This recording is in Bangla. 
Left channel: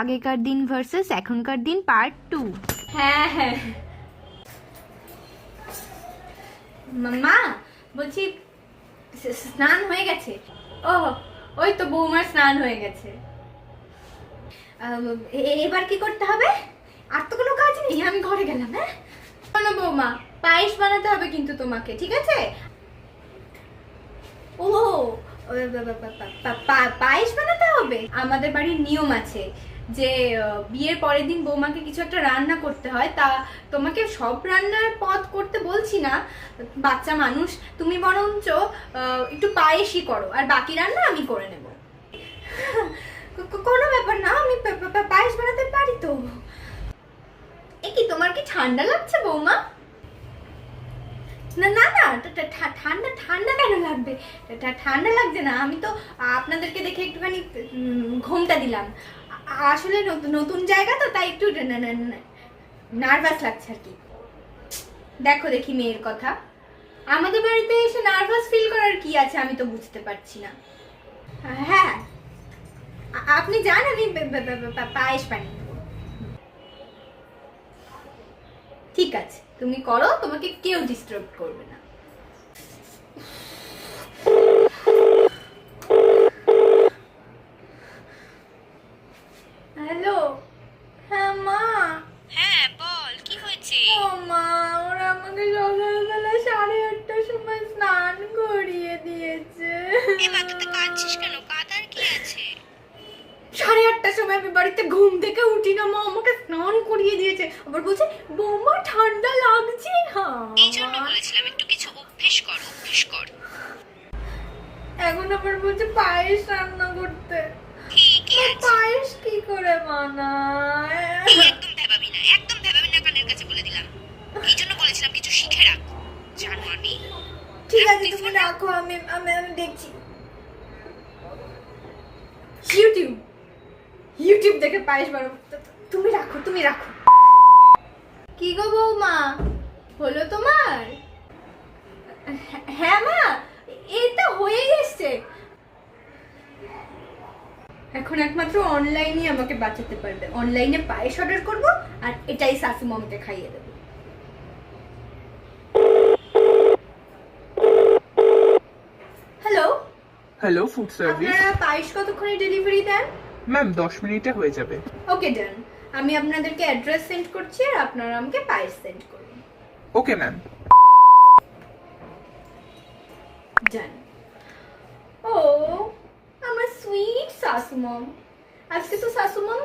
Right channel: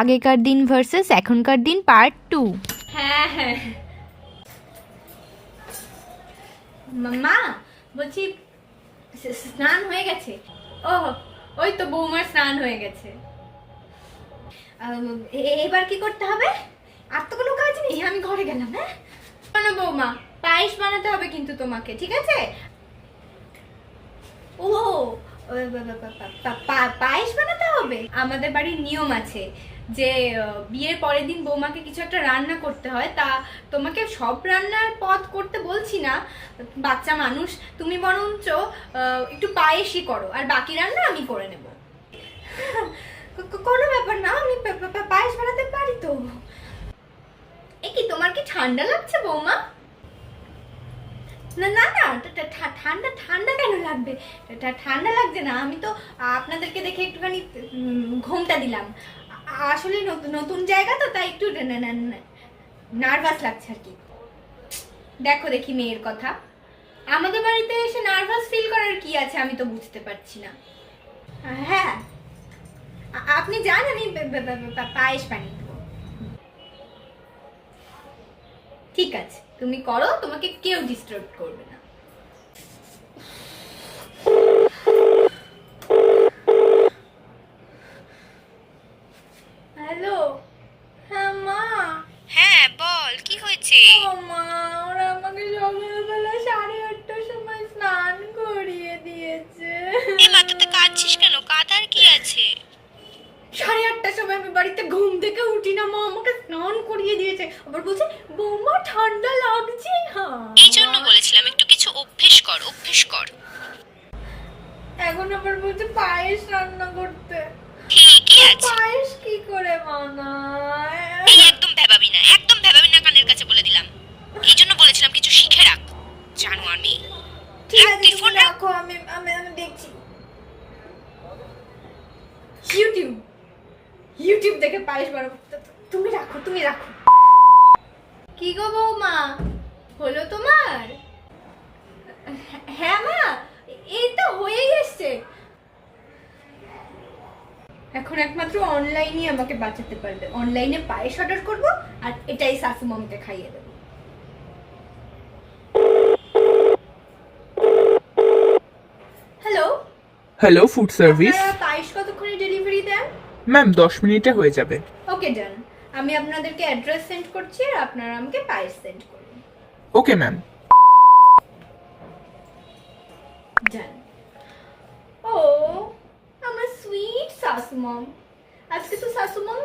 আগেকার দিন ভার্সেস এখনকার দিন পার্ট 2। হ্যাঁ হ্যাঁ মা বলছি স্নান হয়ে গেছে? ও ওই তো বৌমার স্নান হয়ে গেছে। এবার কি করতে হবে? আর তো কোনো কাজ নেই, আমি ঘরে গেলাম। হ্যাঁ না বৌমা, পায়েস বানাতে হবে কিন্তু তোমাকে, ঠিক আছে? ও পায়েস বানাতে হবে। আমাদের বাড়ির নিয়ম আছে যে বিয়ের পরের দিন বৌমাকে কিছু একটা রান্না করতে হয়। তা তোমাকে সব রান্নার পদ করতে বলছি না, বাচ্চা মানুষ তুমি বরঞ্চ একটু পায়েসই করো, আর বাকি রান্না আমি করে নেব। কোনো ব্যাপার না, আমি পায়েস বানাতে পারি তো। এ কি, তোমার কি ঠান্ডা লাগছে বৌমা? না না না, ঠান্ডা ঠান্ডা কেন লাগবে? ঠান্ডা লাগছে না, আমি তো আপনাদেরকে দেখে একটুখানি ঘোমটা দিলাম। আসলে নতুন জায়গা তো, তাই একটু নার্ভাস লাগছে আর কি। দেখো দেখি মেয়ের কথা, আমাদের বাড়িতে এসে নার্ভাস ফিল করার কি আছে আমি তো বুঝতে পারছি না। হ্যাঁ আপনি যান, আমি পায়েস বানিয়ে দেবো। ঠিক আছে, তুমি করো, তোমাকে কেউ ডিস্টার্ব করবে না। হ্যালো, হ্যাঁ মা। হ্যাঁ বল, কি হয়েছে? ও মা, ওরা আমাকে সকালবেলা 8:30টার সময় স্নান করিয়ে দিয়েছে। মা তুই কাঁদছিস কেন? কাঁদার কি আছে? 8:30টার সময় আমি বাড়িতে ঘুম থেকে উঠি না, মা আমাকে স্নান করিয়ে দিয়েছে। আবার বলছে বৌমা ঠান্ডা লাগছে। হ্যাঁ এই জন্য বলেছিলাম একটু কিছু অভ্যেস কর, অভ্যেস কর। এখন আবার বলছে পায়েস রান্না করতে। ঠিকই আছে, পায়েস কি করে বানায়? তুই একদম ভেবাবি না, একদম ভেবাবি না, কানের কাছে বলে দিলাম। এই জন্য বলেছিলাম কিছু শিখে রাখ, জানোয়ার মেয়ে। ঠিক রাখ, আছে তুই তুমি ফোন রাখ। রাখো, আমি আমি আমি দেখছি। ইউটিউব ইউটিউব দেখে পায়েস বানাবো। তুমি রাখো, তুমি রাখো। কি গো বৌমা, হলো তোমার? হ্যাঁ মা, এটা হয়েই এসছে। এখন একমাত্র অনলাইনই আমাকে বাঁচাতে পারবে। অনলাইনে পায়েস অর্ডার করব, আর এটাই শাশু মামকে খাইয়ে দেবো। Hello hello, food service. আপনারা পায়েস কতক্ষণে ডেলিভারি দেন? ম্যাম 10 মিনিটে হয়ে যাবে। ওকে ডান, আমি আপনাদেরকে অ্যাড্রেস সেন্ড করছি, আর আপনারা আমাকে পায়েস সেন্ড করুন। Okay ma'am. ডান। ও আমার সুইট শাশু মম, আজকে তো শাশু মম